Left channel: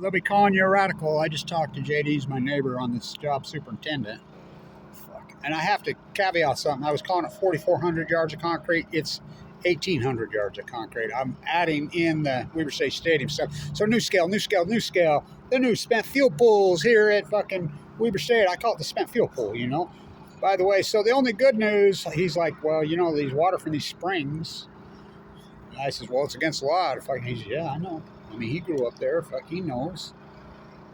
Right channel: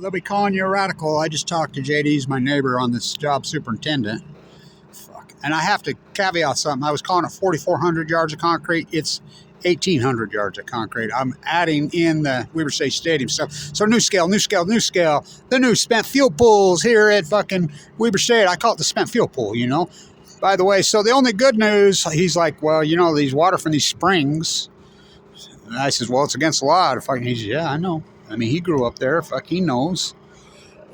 They'll be calling you a radical. I just talked to JD, he's my neighbor on this job, superintendent. Fuck. And I have to caveat something. I was calling it 4,400 yards of concrete. It's 1,800 yards of concrete. I'm adding in the Weber State Stadium stuff. So Nuscale. The new spent fuel pools here at fucking Weber State. I call it the spent fuel pool, you know. By the way, so the only good news, he's like, well, you know, these water from these springs. And I says, well, it's against the law. Fucking, he says, yeah, I know. I mean, he grew up there. Fuck, he knows.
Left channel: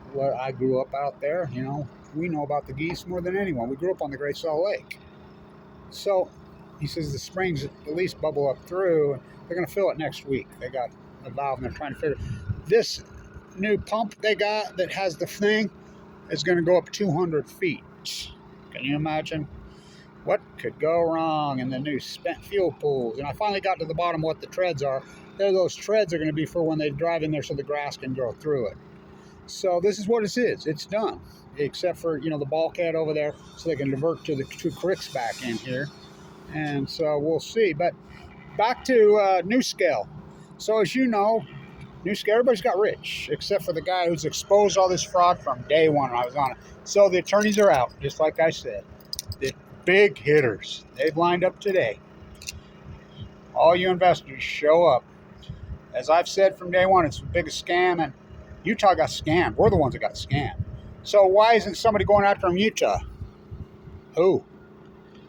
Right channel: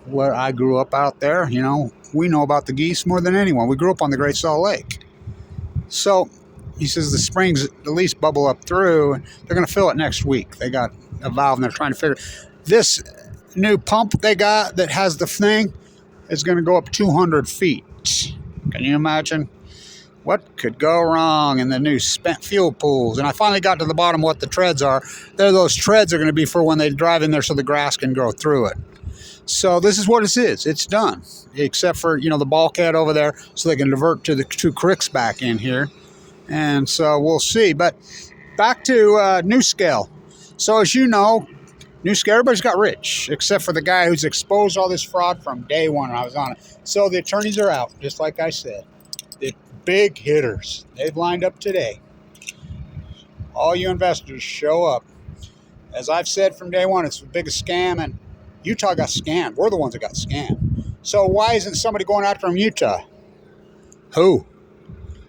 Where I grew up out there, you know, we know about the geese more than anyone. We grew up on the Great Salt Lake. So he says the springs at least bubble up through. And they're going to fill it next week. They got a valve and they're trying to figure this new pump they got that has the thing is going to go up 200 feet. Can you imagine? What could go wrong in the new spent fuel pools? And I finally got to the bottom of what the treads are. Those treads are going to be for when they drive in there so the grass can grow through it. So this is what it is. It's done. Except for, you know, the bulkhead over there so they can divert to the two creeks back in here. And so we'll see. But back to Nuscale. So as you know, Nuscale, everybody's got rich, except for the guy who's exposed all this fraud from day one when I was on it. So the attorneys are out, just like I said. The big hitters, they've lined up today. All you investors show up. As I've said from day one, it's the biggest scam, and Utah got scammed. We're the ones that got scammed. So why isn't somebody going after him, Utah? Who?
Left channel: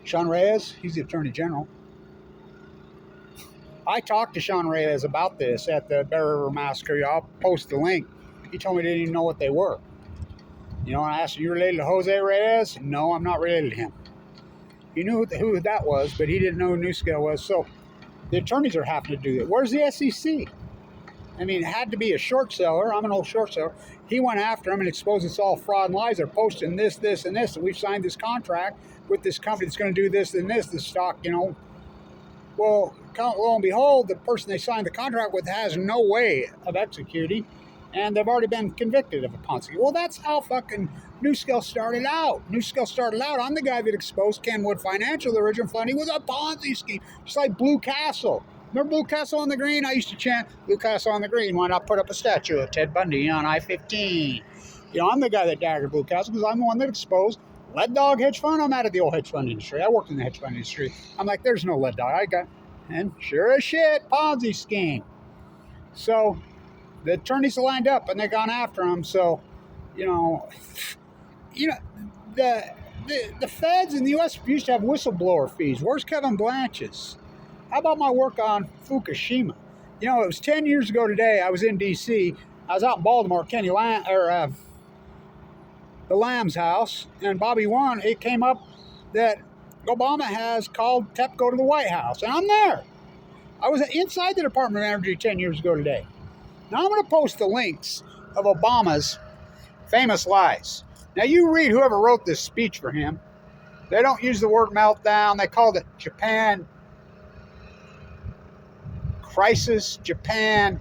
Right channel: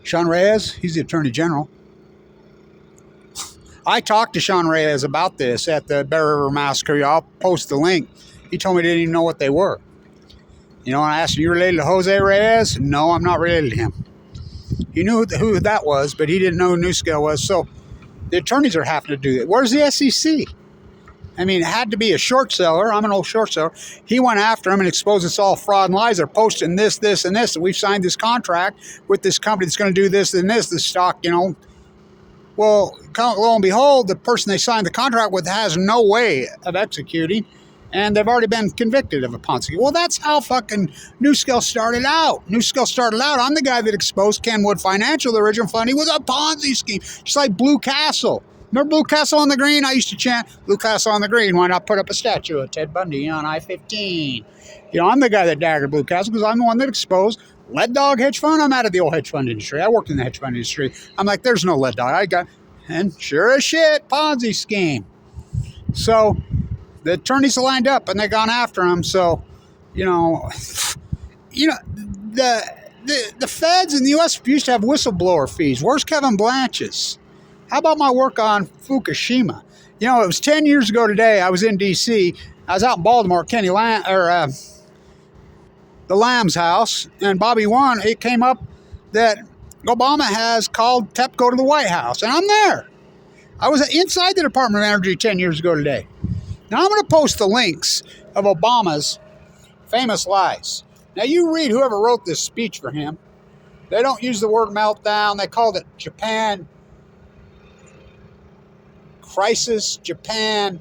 Sean Reyes? He's the Attorney General. I talked to Sean Reyes about this at the Bear River Massacre. I'll post the link. He told me he didn't even know what they were. You know, and I asked him, you related to Jose Reyes? No, I'm not related to him. He knew who that was, but he didn't know who Nuscale was. So the attorneys are having to do that. Where's the SEC? I mean, it had to be a short seller. I'm an old short seller. He went after him and exposed it's all fraud and lies. They're posting this, and this. And we've signed this contract with this company that's going to do this and this, the stock, you know. Well, lo and behold, the person they signed the contract with has no way of executing, and they've already been convicted of a Ponzi scheme. Well, that's how fucking Nuscale started out. Nuscale started out. I'm the guy that exposed Kenwood Financial. The original funding was a Ponzi scheme, just like Blue Castle. Remember Blue Castle on the Green? I used to chant, Blue Castle on the Green. Why not put up a statue of Ted Bundy on I-15? You know, I'm the guy that daggered Blue Castle because I'm the one that exposed Lead Dog Hedge Fund. I'm out of the old hedge fund industry. I worked in the hedge fund industry. I'm like, there's no lead dog. And sure as shit, Ponzi scheme. So the attorneys lined up and they gone after him. So, you know, the feds in the U.S. used to have whistleblower fees. Where's Kevin Blanch's? How about my work on Fukushima? You know, it was 10 years ago today. I was in D.C. I was out in Baltimore at the Lamb's house, and Bobby Wan, it came up that Obama has called TEPCO to the White House, and I'm there. I was inside the Department of Energy 10 years ago today. Now, I'm going to post the links of Obama's famous lies. Now, you read whoever wrote this speech for him. They don't use the word meltdown. They called it Japan crisis, Japan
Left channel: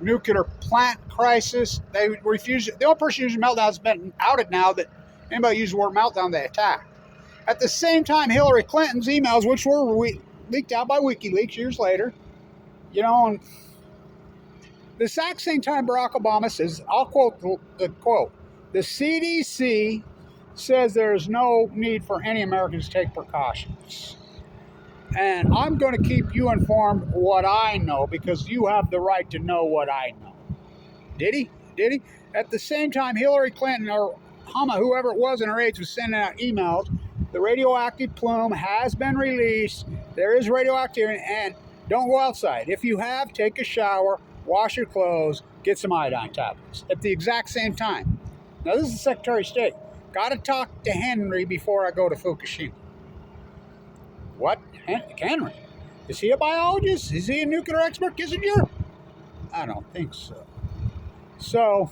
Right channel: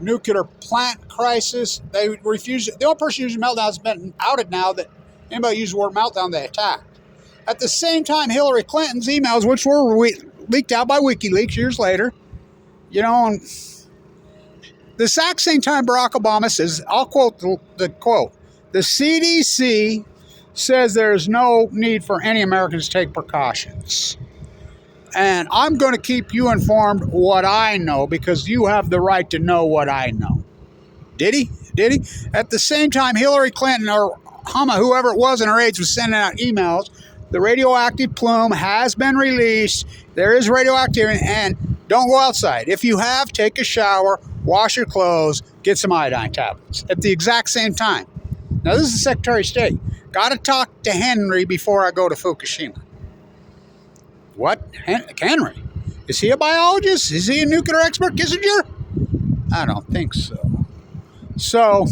nuclear plant crisis. They refused it. The only person using meltdown has been outed now that anybody used the word meltdown, they attacked. At the same time, Hillary Clinton's emails, which were leaked out by WikiLeaks years later, you know, and the exact same time Barack Obama says, I'll quote the quote, the CDC says there's no need for any Americans to take precautions. And I'm going to keep you informed what I know because you have the right to know what I know. Did he? Did he? At the same time, Hillary Clinton or whoever it was in her aides was sending out emails. The radioactive plume has been released. There is radioactivity, and don't go outside. If you have, take a shower, wash your clothes, get some iodine tablets at the exact same time. Now, this is the Secretary of State. Got to talk to Henry before I go to Fukushima. What? Henry? Is he a biologist? Is he a nuclear expert, Kissinger? I don't think so. So,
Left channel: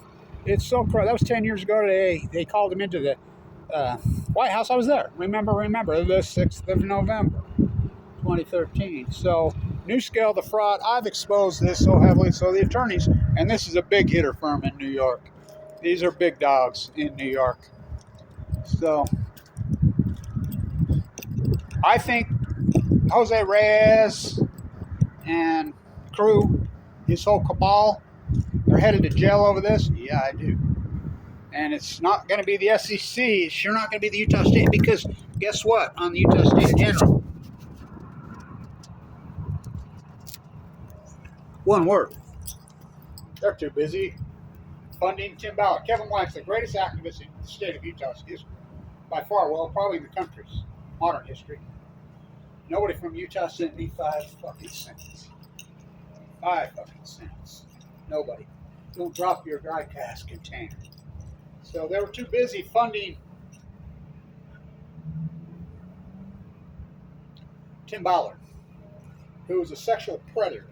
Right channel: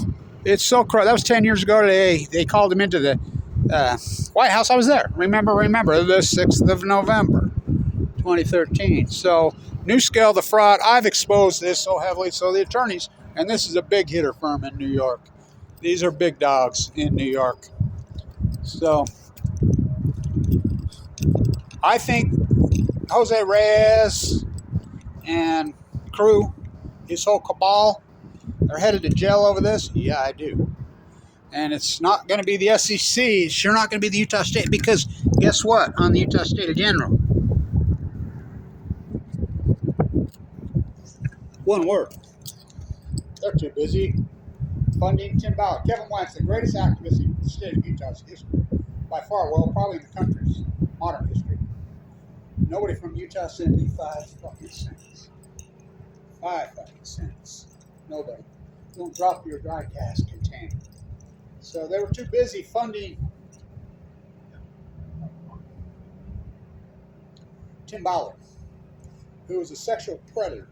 it's so crazy. That was 10 years ago today. They called him into the White House. I was there. Remember, the 6th of November, 2013. So, Nuscale, the fraud, I've exposed this so heavily. So, the attorneys, and this is a big hitter firm in New York. These are big dogs in New York. So, I think Jose Reyes and crew, his whole cabal, They're headed to jail over this? Yeah, I do. And it's not going to be the SEC. It's sure not going to be the Utah State, because guess what? On the Utah State General, one word. They're too busy funding Tim Ballard. Kevin Blank's the greatest activist in the state of Utah's history. By far, well, probably in the country's modern history. Nobody from Utah sent me 5 fucking cents. 5 fucking cents. Nobody. Don't drop your dry cask container. So they were too busy funding Tim Ballard, who was a sexual predator,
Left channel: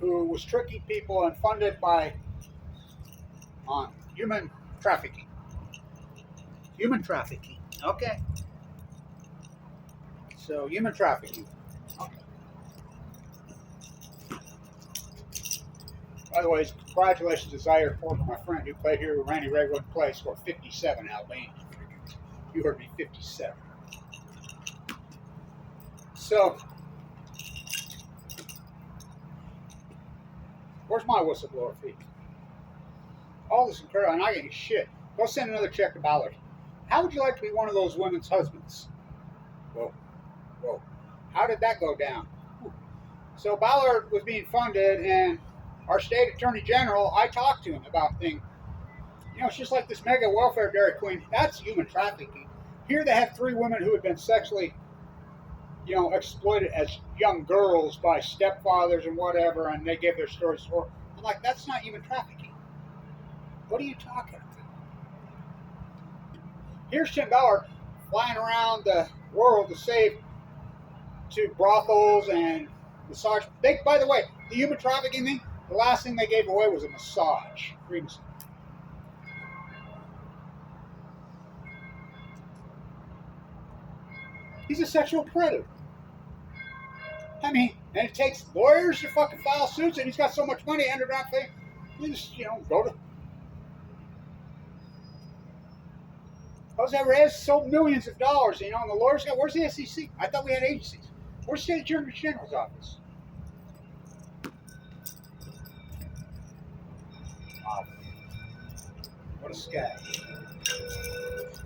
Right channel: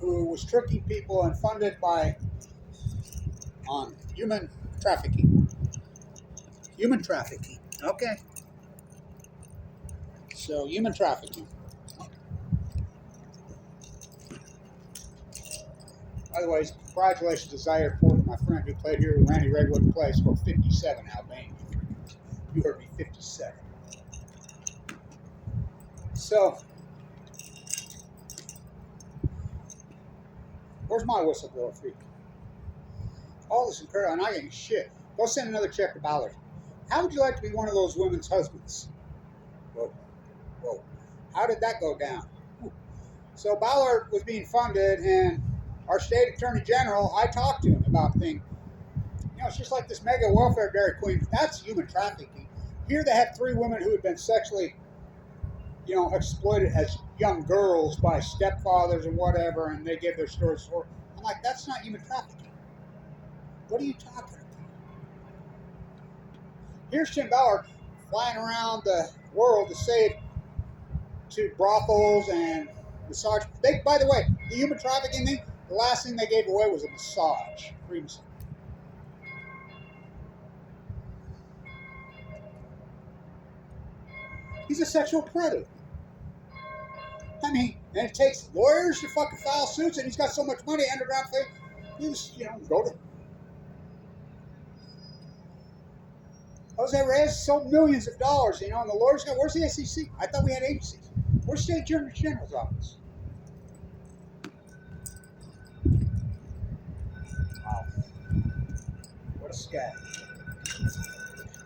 who was tricking people and funded on human trafficking. Human trafficking. Okay. So human trafficking. Okay. By the way, congratulations to Zaire Porter, my friend who played here with Randy Redwood play, scored 57 Albania. You heard me, 57. So, where's my whistleblower fee? All this incredible, and I get shit. Go send another check to Ballard. How would you like to be one of those women's husbands? Whoa, whoa. How did that go down? So Ballard was being funded, and our state attorney general, I talked to him about things. You know, it's just like this mega welfare dairy queen. That's human trafficking. Here they had 3 women who had been sexually, exploited as young girls by stepfathers and whatever, and they gave their stories. I'm like, that's not human trafficking. What are you talking about? Here's Tim Ballard flying around the world to save to brothels and massage. By the way, the human trafficking thing, the last thing they gave away was a massage. Free massage. He's a sexual predator. I mean, and it takes lawyers to fucking file suits, and he's got so much money, underground thing. You just, go to. Jose Reyes sold millions of dollars, and the lawyers got. Where's the SEC? I thought we had agencies. Where's the State Attorney General's office? Wow. What a scab.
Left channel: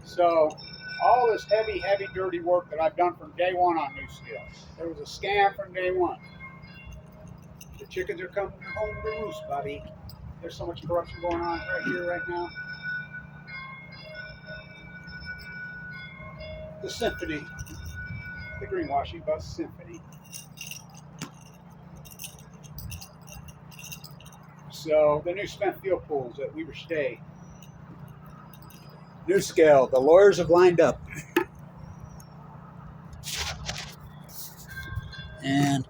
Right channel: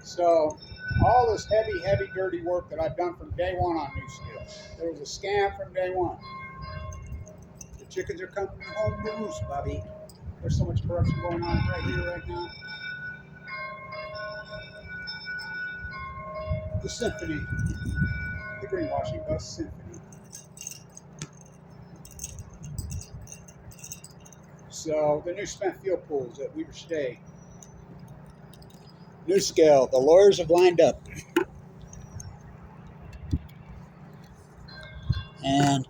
So, all this heavy, dirty work that I've done from day one on Nuscale. There was a scam from day one. The chickens are coming home to roost, Bobby. There's so much corruption going on right here, right now. The symphony. The greenwashing bus symphony. So, the new spent fuel pools at Weber State. Nuscale, the lawyers have lined up. And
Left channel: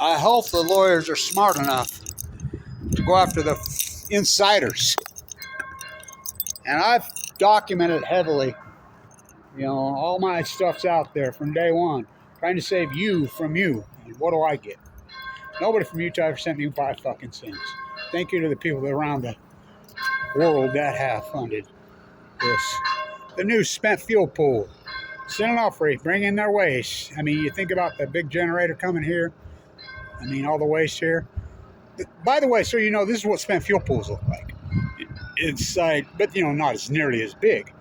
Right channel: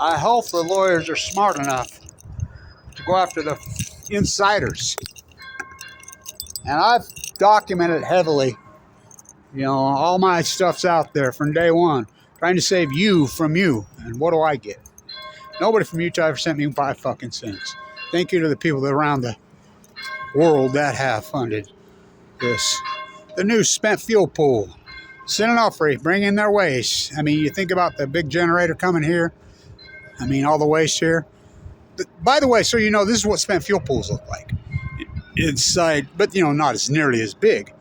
I hope the lawyers are smart enough to go after the insiders. And I've documented heavily, all my stuff's out there from day one, trying to save you from you. And what do I get? Nobody from Utah ever sent me 5 fucking cents. Thank you to the people around the world that have funded this. The new spent fuel pool. St. Onofre, bring in their waste. I mean, you think about the big generator coming here. I mean, all the waste here. By the way, so this is what spent fuel pools look like inside, but not as nearly as big.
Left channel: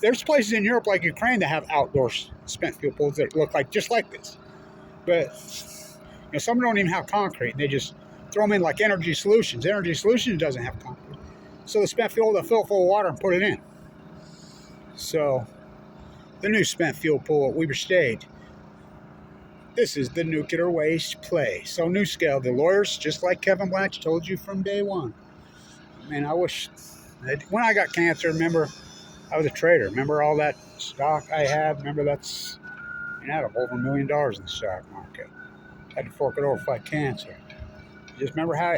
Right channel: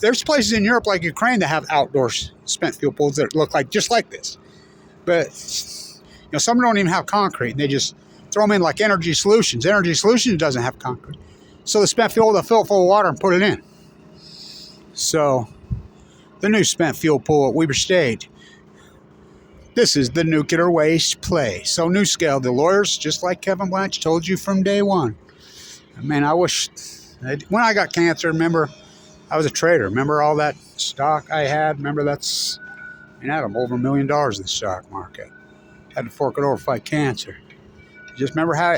There's places in Europe like Ukraine that have outdoor spent fuel pools that look like just like this. But some don't even have concrete, and they just throw them in like Energy Solutions. Energy Solutions doesn't have concrete. So the spent fuel, they'll fill it full of water and put it in. So the new spent fuel pool at Weber State. This is the nuclear waste play. So Nuscale, the lawyers, just like Kevin Blanch told you from day one. Man, I wish, when I got cancer, remember, I was a trader. Remember all that stock I had? Remember I had over $1 million in the stock market. Had to fork it over to fight cancer. Just remember how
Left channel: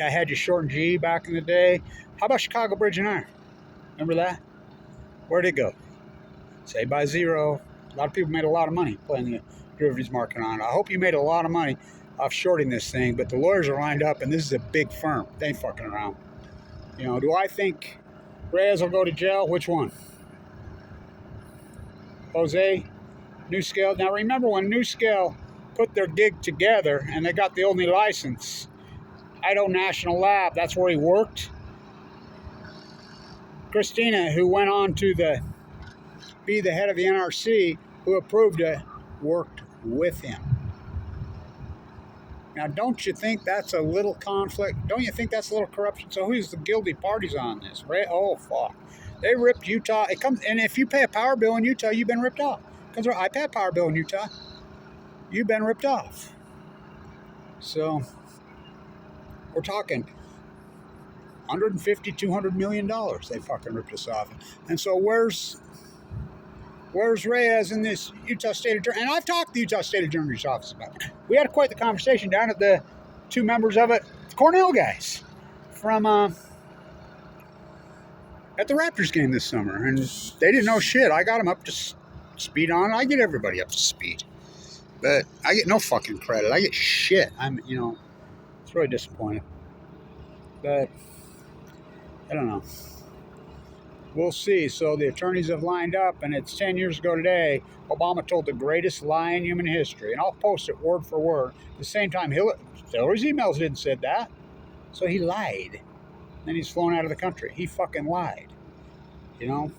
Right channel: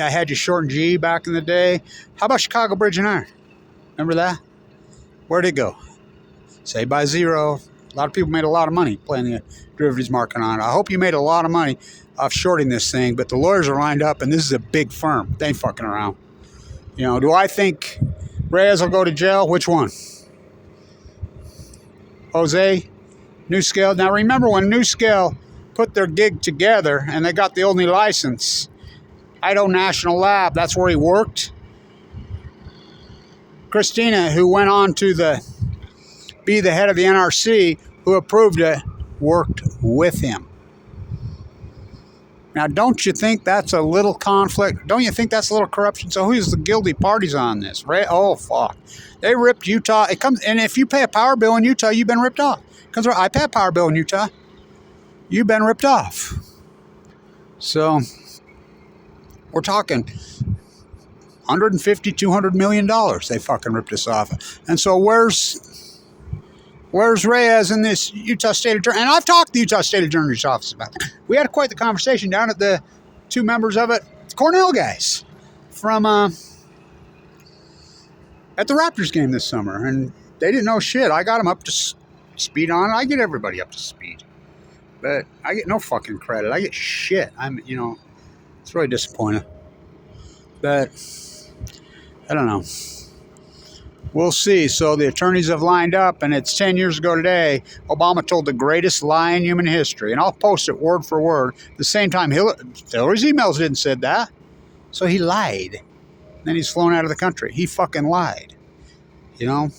I had you short and G back in the day? How about Chicago Bridge and Iron? Remember that? Where'd it go? Saved by zero. A lot of people made a lot of money playing the derivatives market on it. I hope you made a lot of money off shorting this thing, but the lawyers are lined up, and this is a big firm. They ain't fucking around. Do I think Reyes will go to jail? Which one? Jose? Nuscale? Now remember when Nuscale put their gig together and they got the only license, Idaho National Lab, that's where he worked. Christina, who went on to be the head of the NRC, who approved it, worked with him. Now, don't you think that's a little conflict? Don't you think that's a little corruption? So who's the guilty parties on this, right? Oh, fuck. They ripped Utah. It comes, and if you pay a power bill in Utah, you've been ripped off. Because I pay a power bill in Utah. You've been ripped off. So we're talking $150, $200 million. They fucking ripped us off. And so where's Reyes in this Utah State Attorney? And I've talked to the Utah State Attorney's office about it. We had quite the conversation down at the two members of it, Cornell guys, from at the Raptors game this summer. And they didn't know shit. I got them up to speed on it. I get everybody up to speed. But I get no fucking credit. I get shit. It's really disappointing. But I don't know. We'll see. So the attorneys have lined up, and it's 10 years ago today. Obama told the greatest lie in human history, and I'll post it word for word. At the same time, Hillary's emails didn't say that, so he lied. Then he's flown out of the country. He fucking lied. The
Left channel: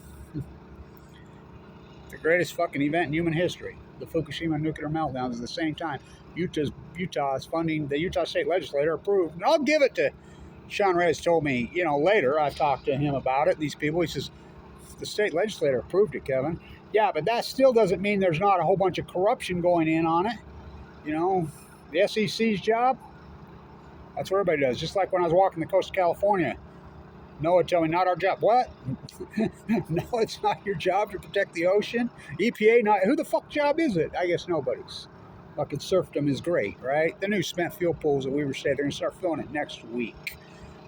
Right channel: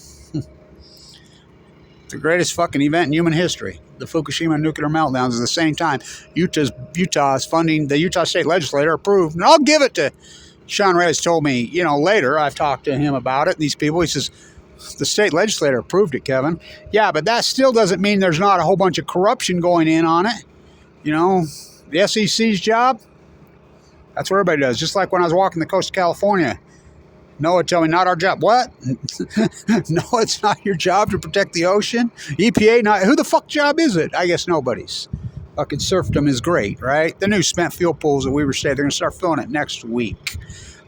greatest fucking event in human history. The Fukushima nuclear meltdowns at the same time. Utah is funding, the Utah State Legislature approved, and I'll give it to Sean Reyes. Told me, later, I've talked to him about it, these people, he says, the state legislature approved it, Kevin. Yeah, but that still doesn't mean there's not a whole bunch of corruption going in on it. The SEC's job, that's what everybody does. Just like when I was walking the coast of California, Noah told me, not our job. What? No, it's not your job to protect the ocean. EPA, not. Who the fuck job is it? I guess nobody's. Fucking serfdom is great, right? The new spent fuel pools at Weaver State, they're going to start filling it next week.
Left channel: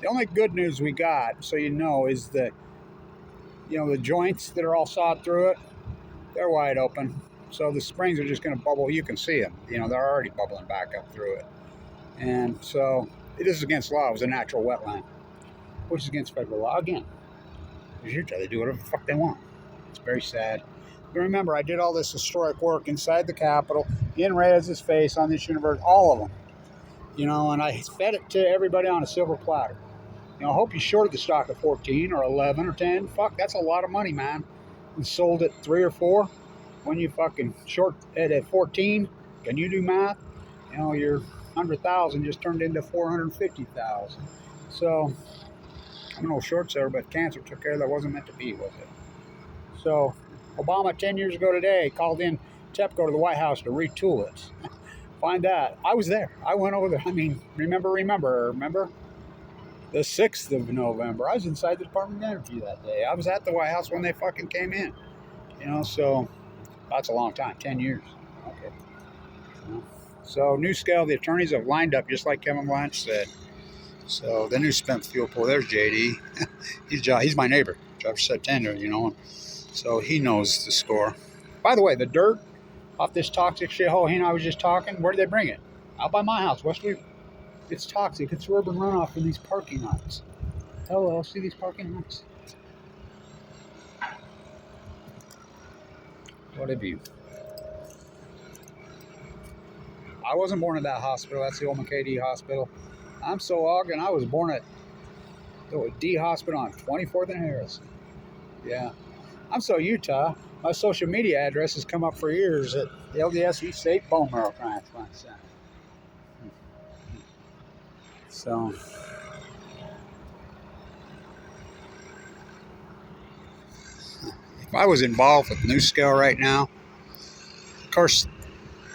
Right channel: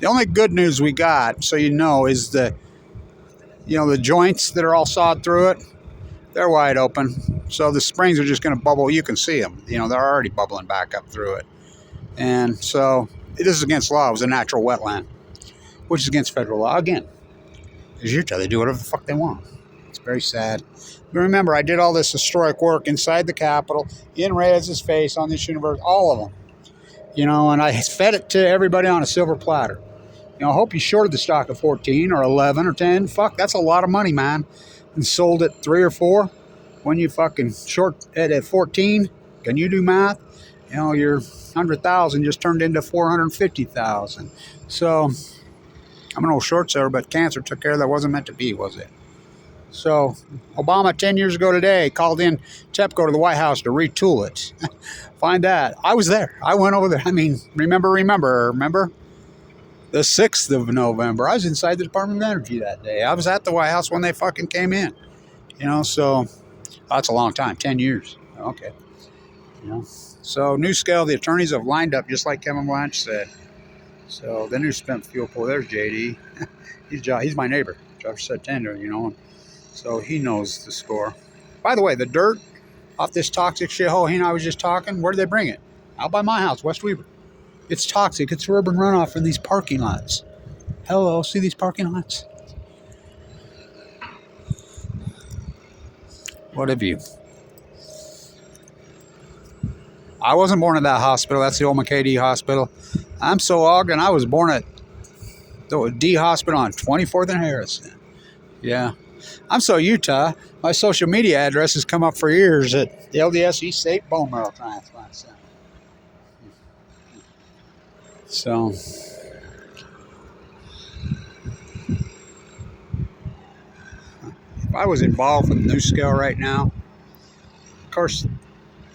The only good news we got, so is the joints that are all sawed through it, they're wide open. So the springs are just going to bubble. You can see them. They're already bubbling back up through it. And so this is against law. It was a natural wetland, which is against federal law. Again, as Utah, they do whatever the fuck they want. It's very sad. But remember, I did all this historic work inside the Capitol, in Reyes' face, on this universe, all of them. And I fed it to everybody on a silver platter. I hope you shorted the stock at 14 or 11 or 10. Fuck, that's a lot of money, man. And sold it 3 or 4. When you fucking short it at 14, can you do math? Your 100,000 just turned into 450,000. So I'm an old short seller, but cancer took care of that. Wasn't meant to be, was it? So Obama 10 years ago today called in TEPCO to the White House to retool it. Find that. I was there. I went over there. Remember? The 6th of November. I was inside the Department of Energy that day. I was at the White House when they fucking came in. So that's a long time. 10 years. Okay. So Nuscale, the attorneys have lined up just like Kevin Blanch said. So the new spent fuel pool, there's JD. He's my neighbor. Job said tender, So he knows the score. By the way, the dirt off this toxic shithole he and I was just talking, where do they bring it? Out by my house, West Weaver. It's toxic. It's urban runoff from these parking lots. Hello, see these parking lots? What have you? I wasn't born at that hospital. That's the old McKay Hospital. I'm so Ogden. I was born at the D Hospital on 24th and Harrison. Yeah. I'm so Utah. My social media address has come up for years at the LDS East State Bone Marrow Transplant Center. So, if I was involved with Nuscale right now, of course,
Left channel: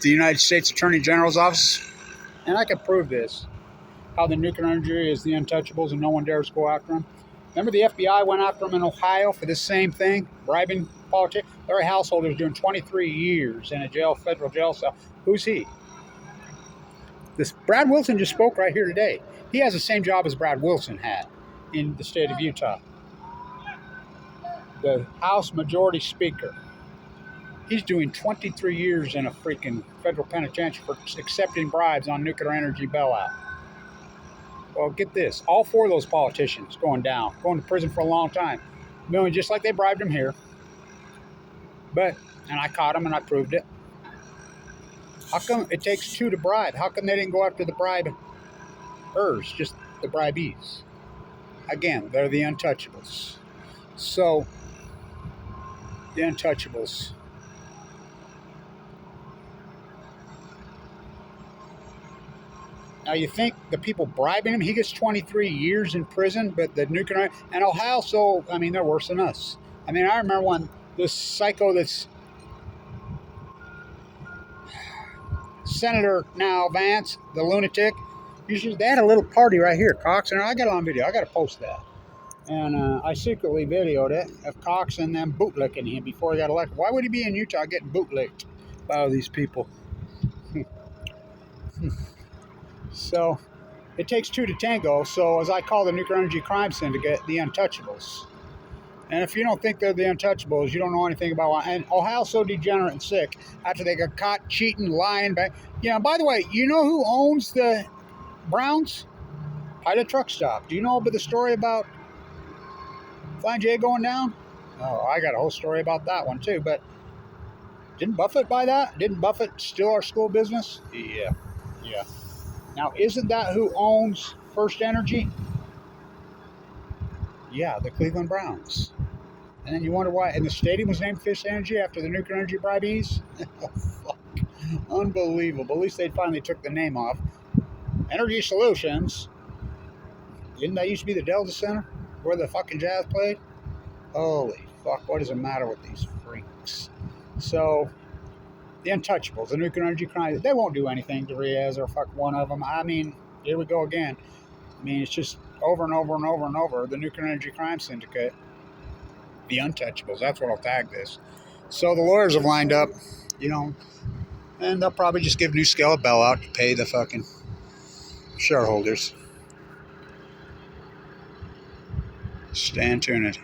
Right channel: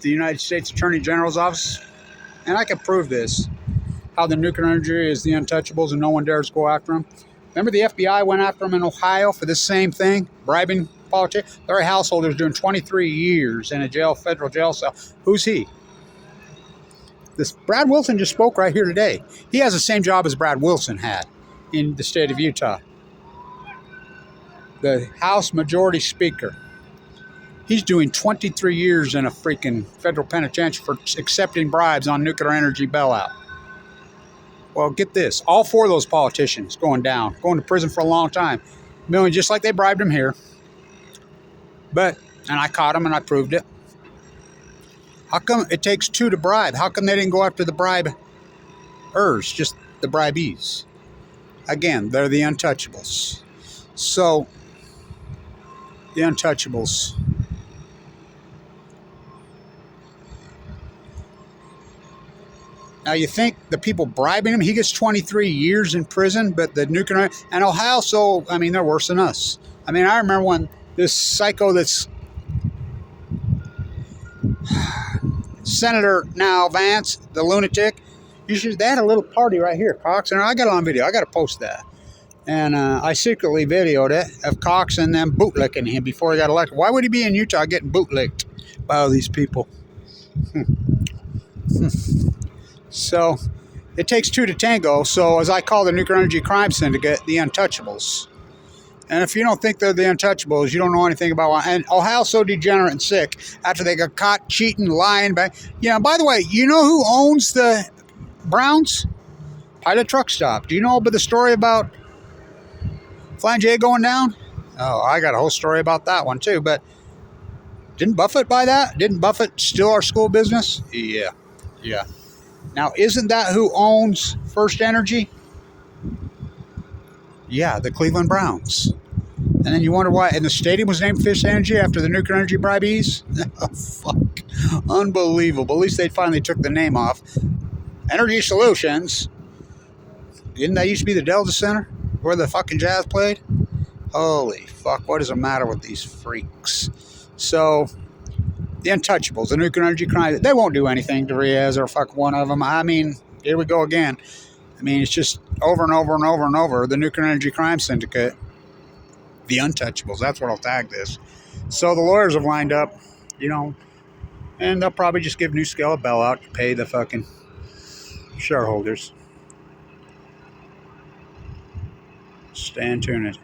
the United States Attorney General's office, and I can prove this, how the nuclear energy is the untouchables and no one dares go after them. Remember the FBI went after them in Ohio for this same thing, bribing politicians? Larry Householder's doing 23 years in a federal jail cell. Who's he? This Brad Wilson just spoke right here today. He has the same job as Brad Wilson had in the state of Utah. The House Majority Speaker. He's doing 23 years in a freaking federal penitentiary for accepting bribes on nuclear energy bailout. Well, get this. All 4 of those politicians going to prison for a long time. Million, just like they bribed him here. And I caught him and I proved it. How come it takes 2 to bribe? How come they didn't go after the bribe hers, just the bribees. Again, they're the untouchables. So, the untouchables. Now, you think the people bribing him, he gets 23 years in prison, but the nuclear, and Ohio, so, I mean, they're worse than us. I mean, I remember when this psycho that's Senator now, Vance, the lunatic, they had a little party right here, Cox, and I got it on video. I got to post that. And I secretly videoed it of Cox and them bootlicking him before he got elected. Why would he be in Utah getting bootlicked by all these people? So, it takes two to tango. So, as I call the nuclear energy crime syndicate, the untouchables. And if you don't think they're the untouchables, you don't know anything about why. And Ohio's so degenerate and sick after they got caught cheating, lying back. By the way, you know who owns the Browns? Pilot Truck Stop. Do you know about the story about Flying J going down? Oh, I got a whole story about that one too. But didn't Buffett buy that? Didn't Buffett steal our school business? Yeah. Now, isn't that who owns First Energy? Yeah, the Cleveland Browns. And then you wonder why, and the stadium was named First Energy after the nuclear energy bribees? Oh, fuck. Unbelievable. At least they finally took the name off. Energy Solutions. Didn't that used to be the Delta Center where the fucking Jazz played? Holy fuck, what is the matter with these freaks? So, the untouchables, the nuclear energy crime, they won't do anything to Riaz or fuck one of them. I mean, here we go again. I mean, it's just over and over and over and over. The nuclear energy crime syndicate, the untouchables. That's what I'll tag this. So the lawyers have lined up, and they'll probably just give Nuscale a bailout to pay the fucking shareholders. Stay tuned.